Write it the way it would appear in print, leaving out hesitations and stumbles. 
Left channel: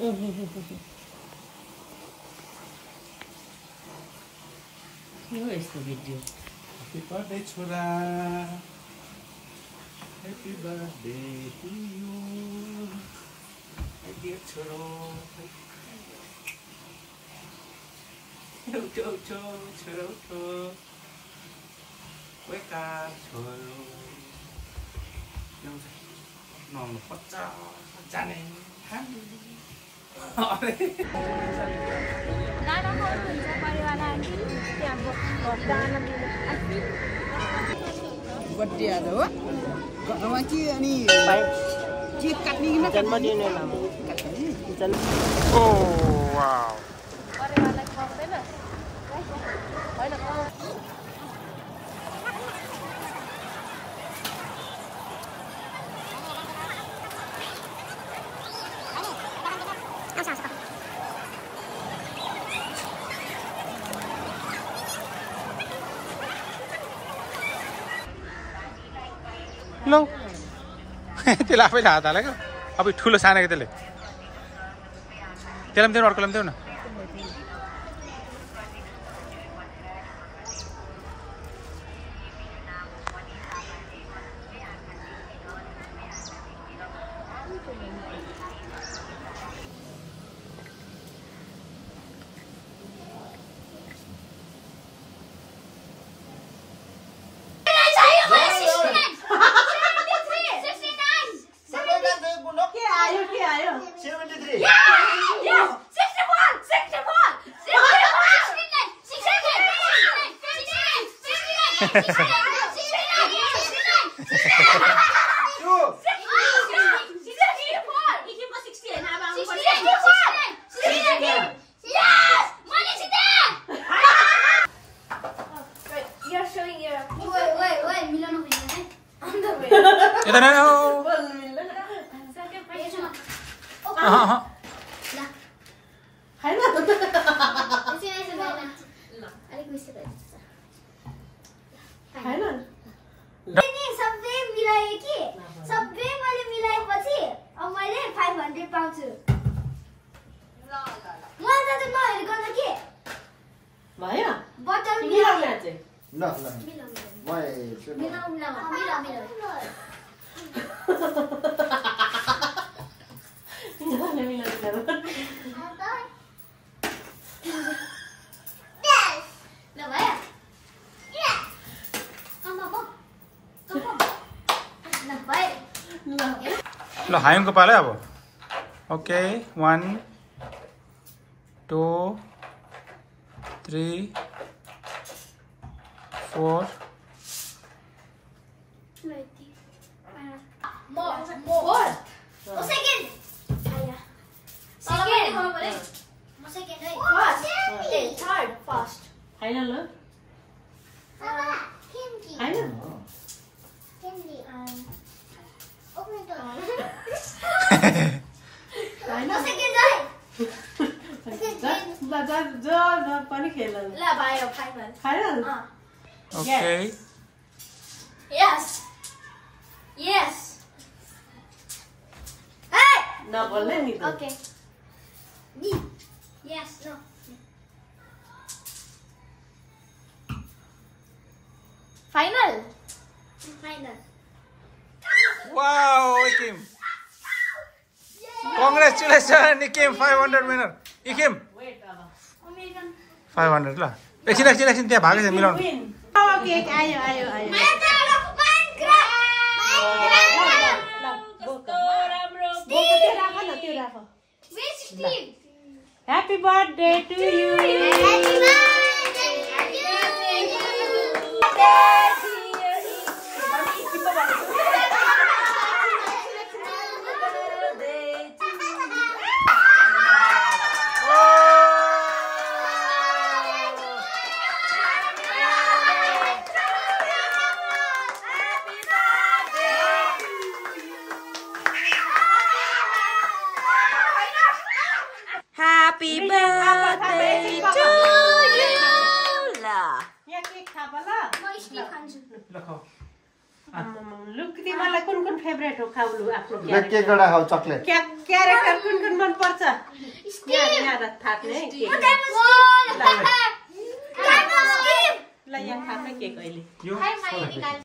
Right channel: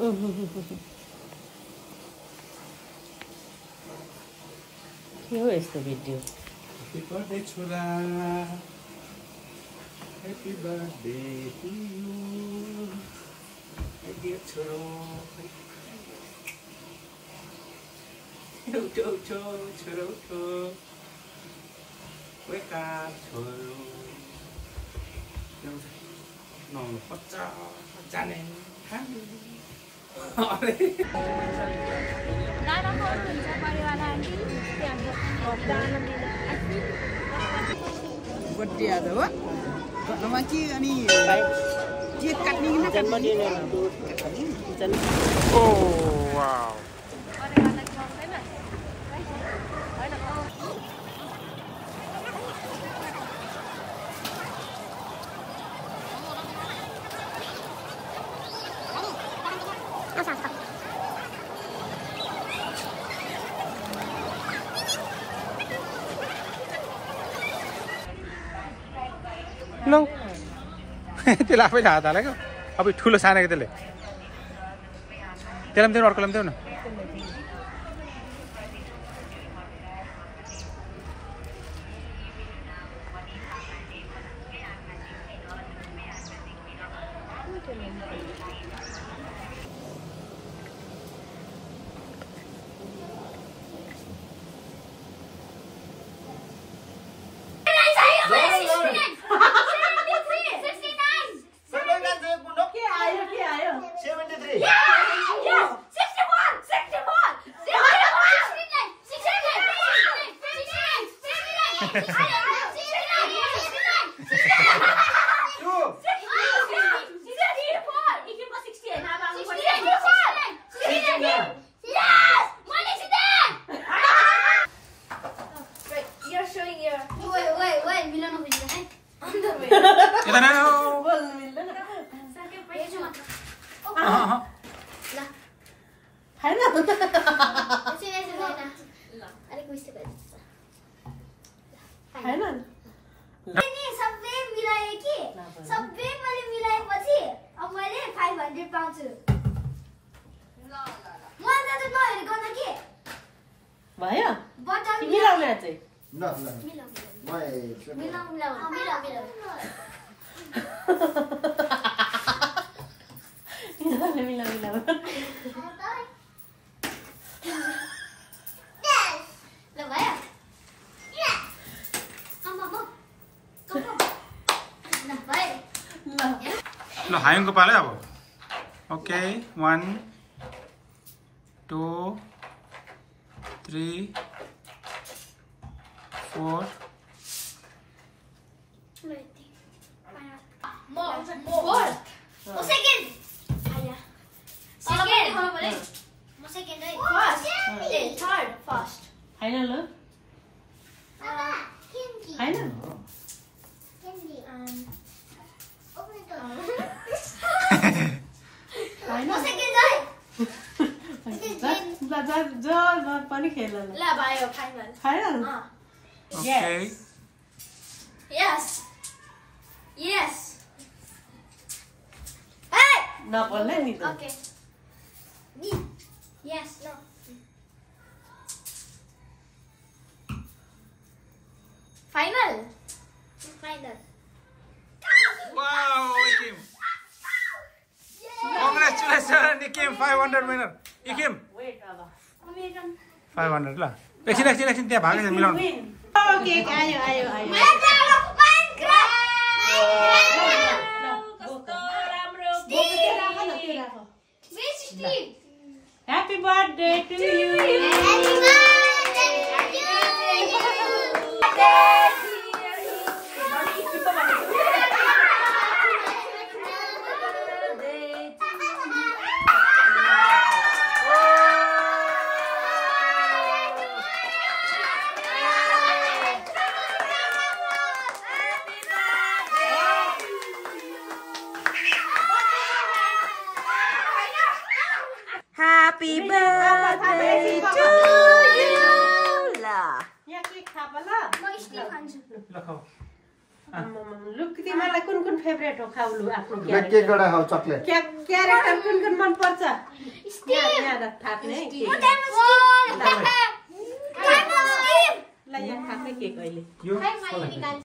Here is the video. Happy birthday, Chura. Happy birthday to you. My dear Chura. Chura. Wake up, Chura. No, Johnny. Birthday ada wak? Kau nama cie ni? Cie kat ni nak kat ni? Kat ni. Oh wow. लो त्यसलाई आफै हात हालेको अब ठुलो सानेको त्यसले त्यसलाई पनि देऊ अर्कोलाई पनि देऊ न ल हायमको पालै अब okay 1 2 3 4 Okay. Yes. Yes. Hey. No, okay. Me. Yes. No. Final. Final. Wow, Ikim. Congratulations, Ikim 500 winner. Ikim. 500 ल एकछिन त्यहाँ भागेछ मिलाउनु केक आयो Happy birthday to you. Happy birthday. Happy birthday to you. La. म स्टिक खान्छु ल खाऊ look तिमीलाई कुन कुन फेभरेट हो खाउलु आफ्नो केक एउटा खाऊ चकलेट क्यारेक्टर कुन कुन मन पर्छ यहाँ थाप्ने है ल यहाँ थाप्ने केक अहिले